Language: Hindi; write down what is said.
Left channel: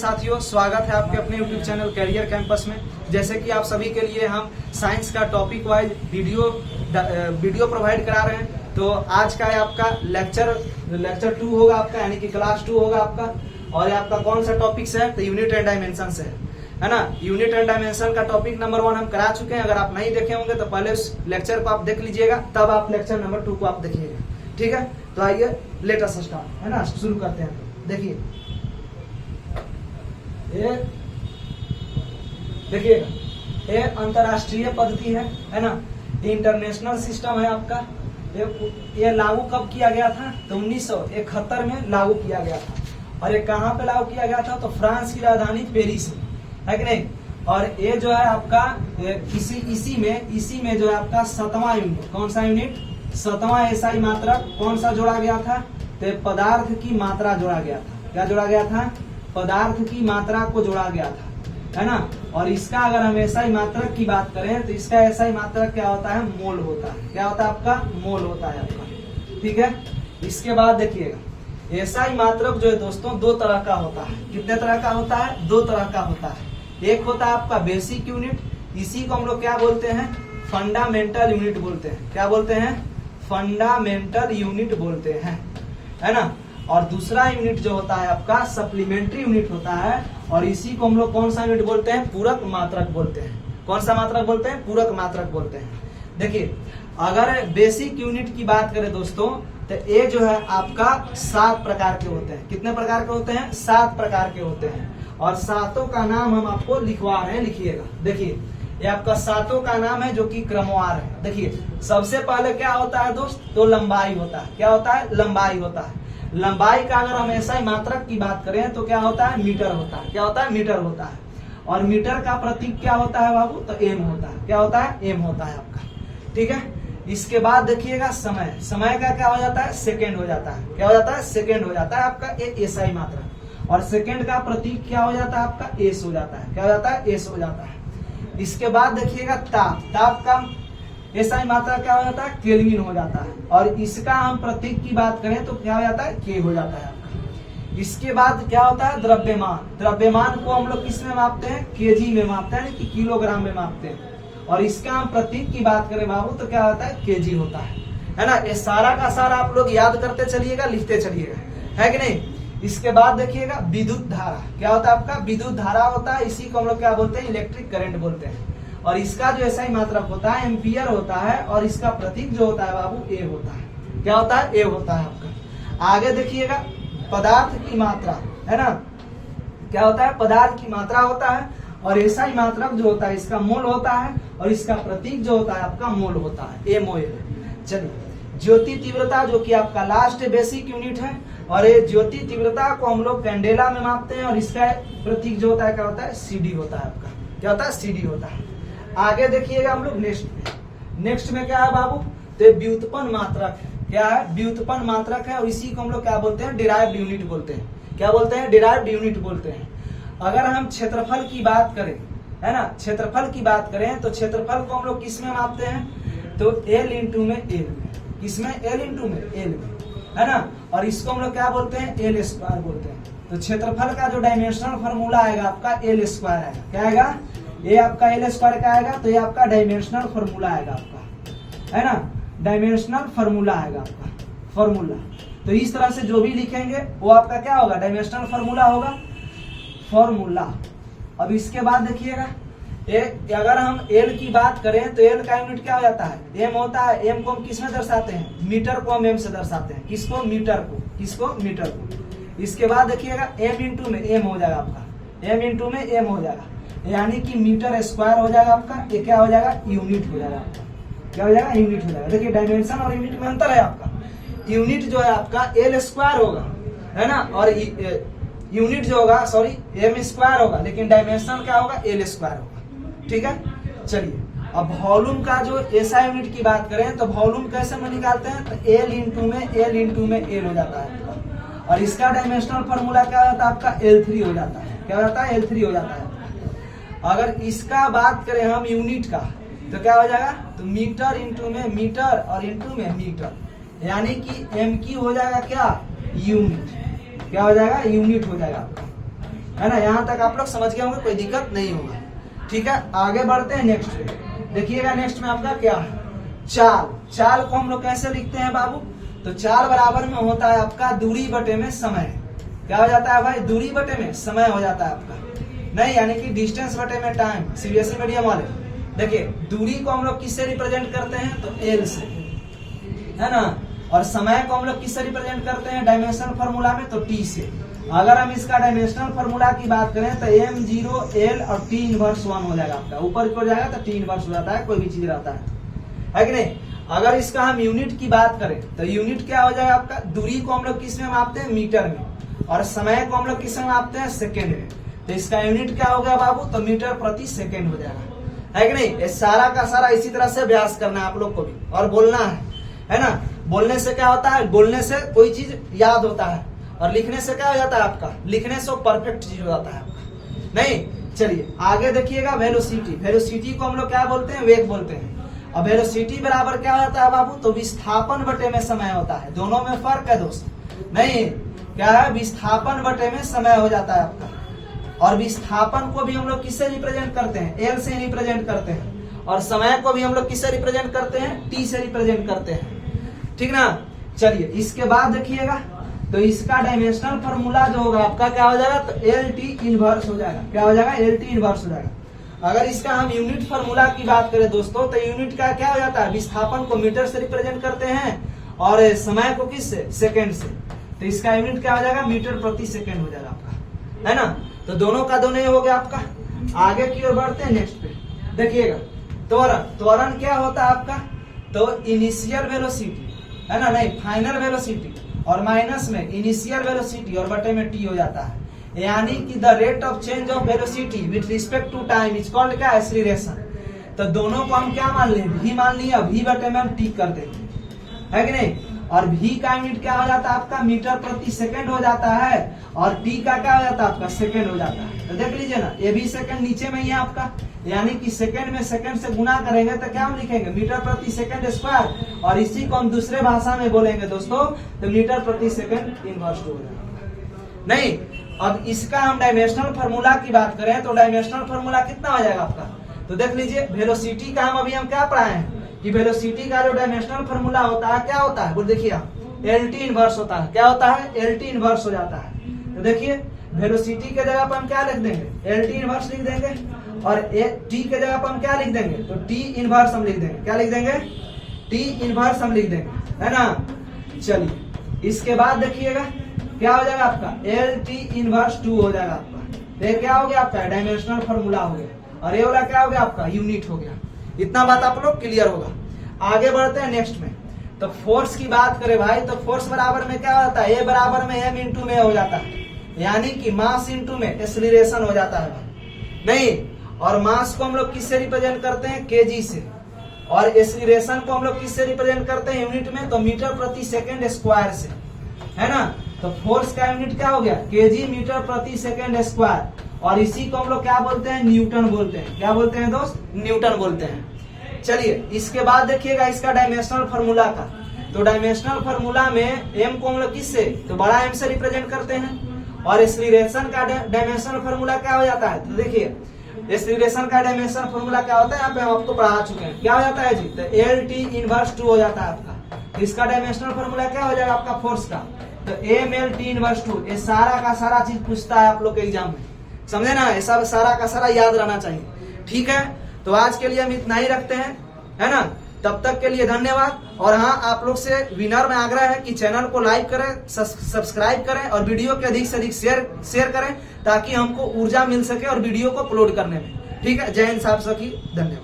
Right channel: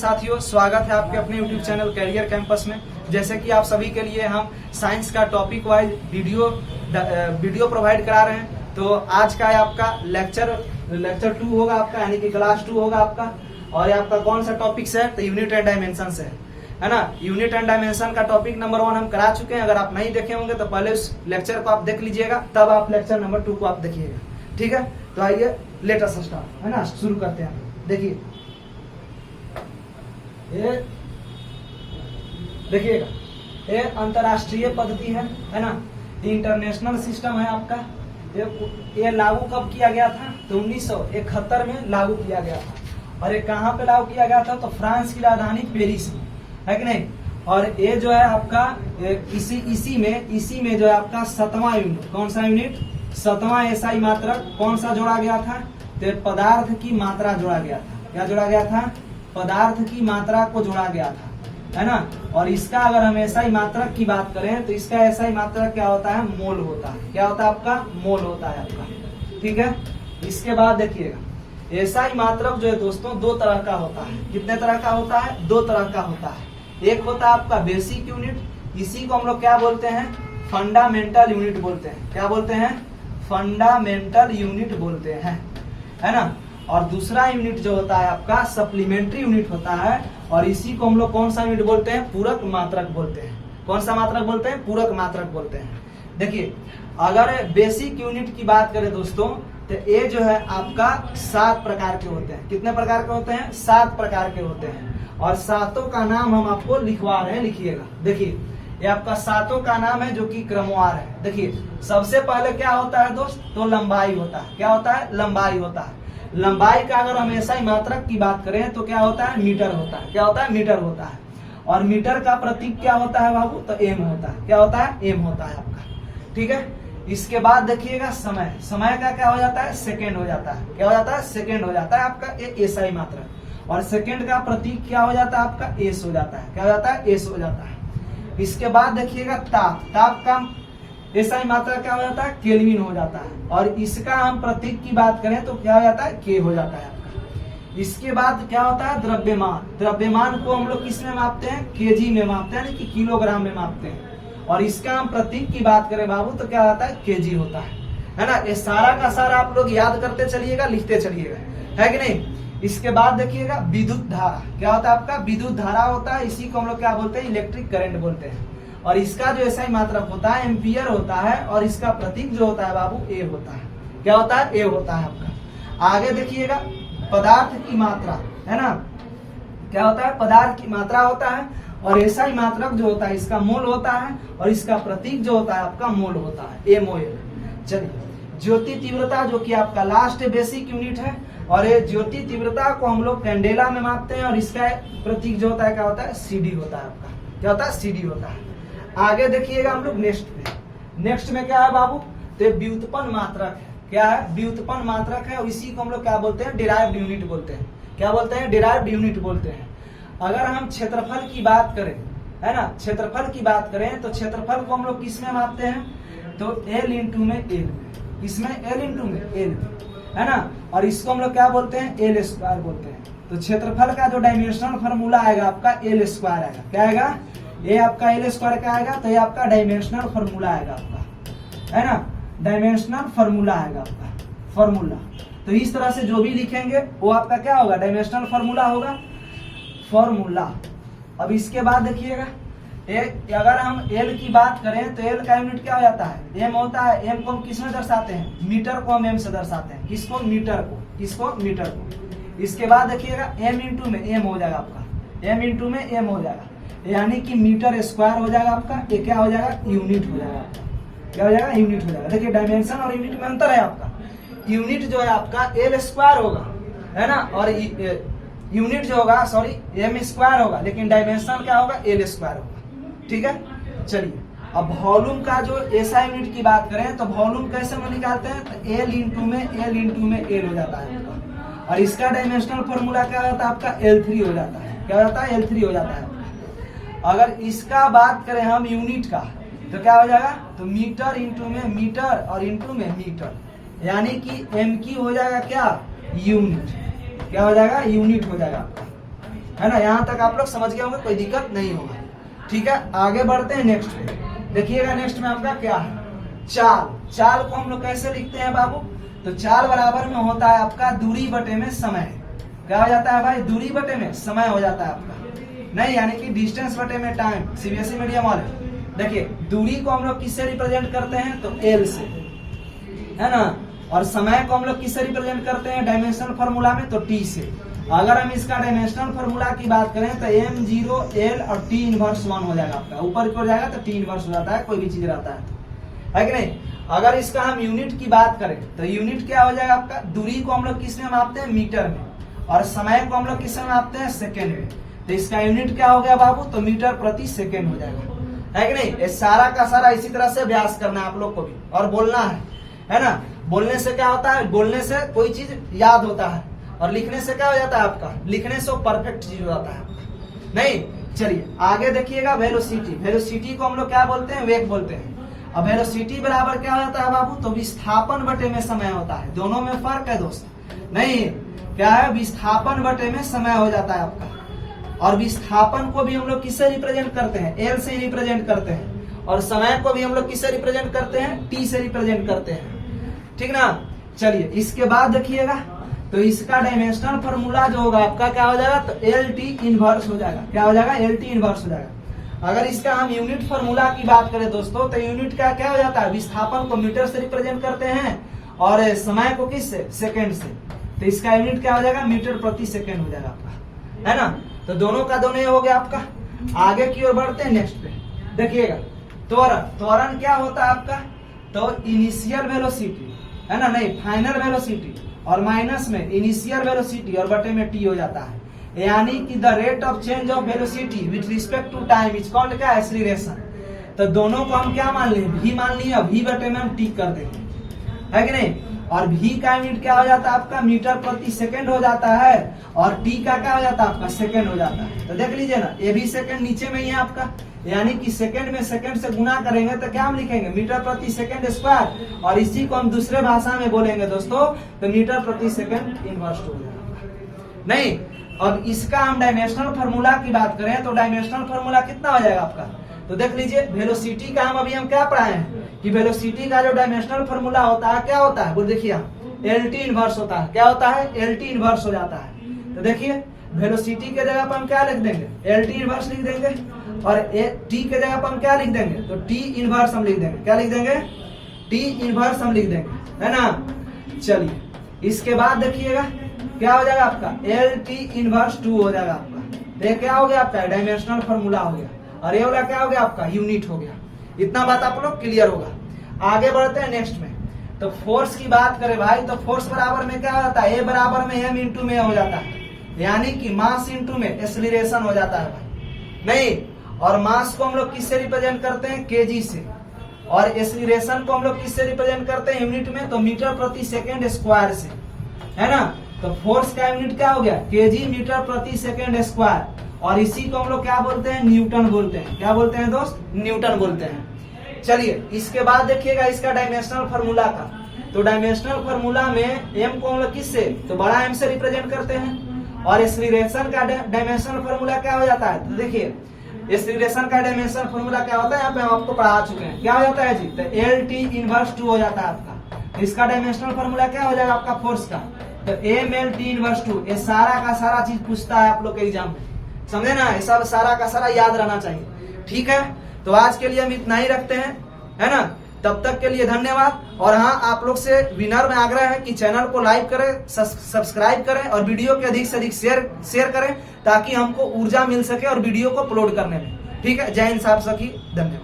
साथियों, स्वागत है आपके अपने YouTube चैनल कैरियर कैंपस में। जैसे कि आप सभी के लिए हम साइंस का टॉपिक वाइज वीडियो प्रोवाइड करा रहे हैं। तो आज का है आपका लेक्चर 2 होगा आपका, यानी कि क्लास 2 होगा आपका। और ये आपका कौन सा टॉपिक से है? तो यूनिट एंड डायमेंशन से है ना। यूनिट एंड डायमेंशन का टॉपिक नंबर 1 हम करा चुके हैं। अगर आप नहीं देखे होंगे तो पहले उस लेक्चर को आप देख लीजिएगा, तब आप लेक्चर नंबर 2 को आप देखिएगा। ठीक है, तो आइए लेट अस स्टार्ट, है ना, शुरू करते हैं। देखिए ये देखिएगा, ये अंतरराष्ट्रीय पद्धति है ना, इंटरनेशनल सिस्टम है आपका। ये लागू कब किया गया था? तो 1971 में लागू किया गया था। और ये कहाँ पे लागू किया गया था? तो फ्रांस की राजधानी पेरिस में, है कि नहीं। और ये जो है आपका इसी में जो है आपका 7वां यूनिट, कौन सा यूनिट? 7वां एसआई मात्रक कौन सा जोड़ा गया था? तो पदार्थ की मात्रा जोड़ा गया था। क्या जोड़ा गया था? पदार्थ की मात्रा को जोड़ा गया था, है ना। और इसका अगर हम एसआई मात्रक की बात करें तो इसका एसआई मात्रक क्या होता है? मोल होता है। क्या होता है आपका? मोल होता है आपका। ठीक है, इसके बाद देखिएगा, एसआई मात्रक जो है दोस्तों 2 तरह का होता है। कितने तरह का होता है? 2 तरह का होता है। एक होता है आपका बेसिक यूनिट, इसी को हम लोग क्या बोलते हैं? फंडामेंटल यूनिट बोलते हैं। क्या बोलते हैं? फंडामेंटल यूनिट बोलते हैं, है ना। और दूसरा यूनिट जो होता है आपका सप्लीमेंट्री यूनिट होता है, और इसी को हम लोग कौन सा यूनिट बोलते हैं? पूरक मात्रक बोलते हैं। कौन सा मात्रक बोलते हैं? पूरक मात्रक बोलते हैं। देखिए, अगर बेसिक यूनिट की बात करें दोस्तों, तो ये जो है आपका 7 प्रकार के होते हैं। कितने प्रकार के होते हैं? 7 प्रकार के होते हैं। और 7 का नाम हम आपको लिखवा रहे हैं, लिखिएगा। देखिए, ये आपका 7 का नाम है जो कि क्रमवार है। देखिए, सबसे पहले क्या होता है दोस्त? तो लंबाई होता है। क्या होता है? लंबाई होता है। लंबाई का अगर हम एसआई मात्रक की बात करें तो क्या होता है? मीटर होता है। क्या होता है? मीटर होता है। और मीटर का प्रतीक क्या होता है बाबू? तो एम होता है। क्या होता है? एम होता है आपका। ठीक है, इसके बाद देखिएगा समय। समय का क्या हो जाता है? सेकेंड हो जाता है। क्या हो जाता है? सेकेंड हो जाता है आपका एक एसआई मात्रक। और सेकेंड का प्रतीक क्या हो जाता है आपका? एस हो जाता है। क्या हो जाता है? एस हो जाता है। इसके बाद देखिएगा ताप। ताप का एसआई मात्रा क्या हो जाता है? केल्विन हो जाता है। और इसका हम प्रतीक की बात करें तो क्या हो जाता है? के हो जाता है आपका। इसके बाद क्या होता है? द्रव्यमान। द्रव्यमान को हम लोग किस में मापते हैं? केजी में मापते हैं, कि किलोग्राम में मापते हैं। और इसका हम प्रतीक की बात करें बाबू तो क्या होता है? केजी होता है ना। ये सारा का सारा आप लोग याद करते चलिएगा, लिखते चलिएगा, है कि नहीं। इसके बाद देखिएगा विद्युत धारा। क्या होता है आपका? विद्युत धारा होता है। इसी को हम लोग क्या बोलते हैं? इलेक्ट्रिक करंट बोलते हैं। और इसका जो एसआई मात्रक होता है एम्पियर होता है। और इसका प्रतीक जो होता है बाबू ए होता है। क्या होता है? ए होता है आपका। आगे देखिएगा पदार्थ की मात्रा, है ना। क्या होता है? पदार्थ की मात्रा होता है। और एसआई मात्रक जो होता है इसका मोल होता है। और इसका प्रतीक जो होता है आपका मोल होता है, एमओएल। चलिए, ज्योति तीव्रता जो कि आपका लास्ट बेसिक यूनिट है। और ये ज्योति तीव्रता को हम लोग कैंडेला में मापते हैं। और इसका प्रतीक जो होता है क्या होता है? सीडी होता है आपका। क्या होता है? सीडी होता है। आगे देखिएगा हम लोग नेक्स्ट में क्या है बाबू? तो व्युत्पन्न मात्रक है। क्या है? व्युत्पन्न मात्रक है। और इसी को हम लोग क्या बोलते हैं? डिराइव्ड यूनिट बोलते हैं। क्या बोलते हैं? डिराइव्ड यूनिट बोलते हैं। अगर हम क्षेत्रफल की बात करें, है ना, क्षेत्रफल की बात करें तो क्षेत्रफल को हम लोग किस में मापते हैं? तो एल इंटू में एल। इसमें एल इंटू में एल, है ना। और इसको हम लोग क्या बोलते हैं? एल स्क्वायर बोलते हैं। तो क्षेत्रफल का जो डायमेंशनल फॉर्मूला आएगा आपका एल स्क्वायर आएगा। क्या आएगा? ये आपका एल स्क्वायर का आएगा। तो ये आपका डायमेंशनल फॉर्मूला आएगा आपका, है ना। डायमेंशनल फॉर्मूला आएगा आपका, फॉर्मूला। तो इस तरह से जो भी लिखेंगे वो आपका क्या होगा? डायमेंशनल फॉर्मूला होगा, फॉर्मूला। अब इसके बाद देखिएगा, अगर हम एल की बात करें तो एल का यूनिट क्या हो जाता है? एम होता है। एम को हम किस में दर्शाते हैं? मीटर को हम एम से दर्शाते हैं। किसको? मीटर को। किसको? मीटर को। इसके बाद देखिएगा एम इंटू में एम हो जाएगा आपका। एम इंटू में एम हो जाएगा, यानी कि मीटर स्क्वायर हो जाएगा आपका। ये क्या हो जाएगा? यूनिट हो जाएगा आपका। क्या हो जाएगा? यूनिट हो जाएगा। देखिए, डायमेंशन और यूनिट में अंतर है आपका। यूनिट जो है आपका एल स्क्वायर होगा, है ना। और यूनिट जो होगा, सॉरी, एम स्क्वायर होगा। लेकिन डायमेंशन क्या होगा? एल स्क्वायर होगा। ठीक है, चलिए। अब वॉल्यूम का जो एसआई यूनिट की बात करें तो वॉल्यूम कैसे में निकालते हैं? तो एल इंटू में एल हो जाता है आपका। और इसका डायमेंशनल फॉर्मूला क्या होता है आपका? L3 हो जाता है। क्या हो जाता है? L3 हो जाता है। अगर इसका बात करें हम यूनिट का तो क्या हो जाएगा? तो मीटर इंटू में मीटर और इंटू में मीटर, यानी कि एम की हो जाएगा क्या? यूनिट। क्या हो जाएगा? यूनिट हो जाएगा आपका। है ना। यहाँ तक आप लोग समझ गए होंगे, कोई दिक्कत नहीं होगा। ठीक है, आगे बढ़ते हैं नेक्स्ट पे। देखिएगा नेक्स्ट में आपका क्या है, चाल। चाल को हम लोग कैसे लिखते हैं बाबू, तो चाल बराबर में होता है आपका दूरी बटे में समय। क्या हो जाता है भाई, दूरी बटे में समय हो जाता है आपका, नहीं यानी कि डिस्टेंस बटे में टाइम। सीबीएसई मीडियम वाले देखिए, दूरी को हम लोग किससे रिप्रेजेंट करते हैं, तो एल से, है ना। और समय को हम लोग किससे रिप्रेजेंट करते हैं डायमेंशनल फार्मूला में, तो टी से। अगर हम इसका डायमेंशनल फार्मूला की बात करें तो m0 l और t इनवर्स 1 हो जाएगा आपका, ऊपर की ओर जाएगा तो t इनवर्स हो जाता है, कोई भी चीज रहता है कि नहीं। अगर इसका हम यूनिट की बात करें तो यूनिट क्या हो जाएगा आपका, दूरी को हम लोग किस में मापते हैं, मीटर में, और समय को हम लोग किस में मापते हैं, सेकेंड में। तो इसका यूनिट क्या हो गया बाबू, तो मीटर प्रति सेकेंड हो जाएगा, है कि नहीं। ये सारा का सारा इसी तरह से अभ्यास करना है आप लोग को भी, और बोलना है ना। बोलने से क्या होता है, बोलने से कोई चीज याद होता है, और लिखने से क्या हो जाता है आपका, लिखने से परफेक्ट चीज हो जाता है नहीं। चलिए आगे देखिएगा, वेलोसिटी। वेलोसिटी को हम लोग क्या बोलते हैं, वेग बोलते हैं। अब वेलोसिटी बराबर क्या होता है बाबू, तो विस्थापन बटे में समय होता है। दोनों में फर्क है दोस्त, नहीं क्या है, विस्थापन बटे में समय हो जाता है आपका। और विस्थापन को भी हम लोग किससे रिप्रेजेंट करते हैं, एल से रिप्रेजेंट करते हैं। और समय को भी हम लोग किससे रिप्रेजेंट करते हैं, टी से रिप्रेजेंट करते हैं, ठीक ना। चलिए इसके बाद देखिएगा, तो इसका डायमेंशनल फार्मूला जो होगा आपका क्या हो जाएगा, तो एल टी इनवर्स हो जाएगा। क्या हो जाएगा, एल टी इनवर्स हो जाएगा। अगर इसका हम यूनिट फार्मूला की बात करें दोस्तों, तो यूनिट का क्या हो जाता है, विस्थापन को मीटर से रिप्रेजेंट करते हैं और समय को किससे, सेकेंड से। तो इसका यूनिट क्या हो जाएगा, मीटर प्रति सेकेंड हो जाएगा आपका, है ना। तो दोनों का दोनों हो गया आपका। आगे की ओर बढ़ते हैं नेक्स्ट पे, देखिएगा त्वरण। त्वरण क्या होता है आपका, तो इनिशियल वेलोसिटी, है ना, नहीं फाइनल वेलोसिटी, और माइनस में इनिशियल वेलोसिटी और बटे में टी हो जाता है। यानी कि the rate of change of velocity with respect to time is called क्या, एक्सीलरेशन। तो दोनों को हम क्या मान लें, v मान लिया, v बटे में हम टी कर देंगे, है कि नहीं। और v का यूनिट क्या हो जाता है आपका, मीटर प्रति सेकंड हो जाता है, और t का क्या हो जाता है आपका, सेकंड हो जाता है। तो देख लीजिए ना, ये भी सेकंड नीचे में ही है आपका, यानी कि सेकंड में सेकंड से गुना करेंगे तो क्या हम लिखेंगे, मीटर प्रति सेकंड स्क्वायर। और इसी को हम दूसरे भाषा में बोलेंगे दोस्तों, तो मीटर प्रति सेकंड इनवर्स टू हो जाएगा, नहीं। अब इसका हम डायमेंशनल फार्मूला की बात करें तो डायमेंशनल फार्मूला कितना हो जाएगा आपका, तो देख लीजिए वेलोसिटी का हम अभी क्या पढ़ाए हैं कि वेलोसिटी का जो डायमेंशनल फार्मूला होता है क्या होता है, वो देखिए एल टी इनवर्स होता है। क्या होता है, एल टी इनवर्स हो जाता है। तो देखिए वेलोसिटी के जगह पर हम क्या लिख देंगे, एल टी इनवर्स लिख देंगे, और टी के जगह पर हम क्या लिख देंगे, तो टी इनवर्स हम लिख देंगे। क्या लिख देंगे, टी इनवर्स हम लिख देंगे, है ना। चलिए इसके बाद देखिएगा क्या हो जाएगा आपका, एल टी इनवर्स 2 हो जाएगा आपका। ये क्या हो गया आपका, डायमेंशनल फार्मूला हो गया, और ये वाला क्या हो गया आपका, यूनिट हो गया। इतना बात आप लोग क्लियर होगा। आगे बढ़ते हैं नेक्स्ट में, तो फोर्स की बात करें भाई, तो फोर्स बराबर में क्या होता है, ए बराबर में एम इंटू में हो जाता है, यानी कि मास इंटू में एक्सीलरेशन हो जाता है भाई, नहीं। और मास को हम लोग किससे रिप्रेजेंट करते हैं, केजी से, और एक्सीलरेशन को हम लोग किससे रिप्रेजेंट करते हैं यूनिट में, तो मीटर प्रति सेकेंड स्क्वायर से, है ना। तो फोर्स का यूनिट क्या हो गया, केजी मीटर प्रति सेकेंड स्क्वायर, और इसी को हम लोग क्या बोलते हैं, न्यूटन बोलते हैं। क्या बोलते हैं दोस्त, न्यूटन बोलते हैं। चलिए इसके बाद देखिएगा इसका डायमेंशनल फार्मूला का, तो डायमेंशनल फार्मूला में एम को हम लोग किससे, तो बड़ा एम से रिप्रेजेंट करते हैं, और एक्सीलरेशन का डायमेंशनल फार्मूला क्या हो जाता है, तो देखिए एक्सीलरेशन का डायमेंशनल फार्मूला क्या होता है, यहाँ पे हम आपको पढ़ा चुके हैं। क्या हो जाता है जी, तो एल टी इनवर्स 2 हो जाता है आपका। इसका डायमेंशनल फार्मूला क्या हो जाएगा आपका फोर्स का, तो एम एल टी इनवर्स 2। ये सारा का सारा चीज पूछता है आप लोग के एग्जाम में, समझे ना, ये सब सारा का सारा याद रहना चाहिए, ठीक है। तो आज के लिए हम इतना ही रखते हैं, है ना। तब तक के लिए धन्यवाद। और हाँ, आप लोग से विनर में आग्रह है कि चैनल को लाइक करें, सब्सक्राइब करें, और वीडियो के अधिक से अधिक शेयर करें, ताकि हमको ऊर्जा मिल सके और वीडियो को अपलोड करने में, ठीक है। जय हिंद साहब सखी, धन्यवाद।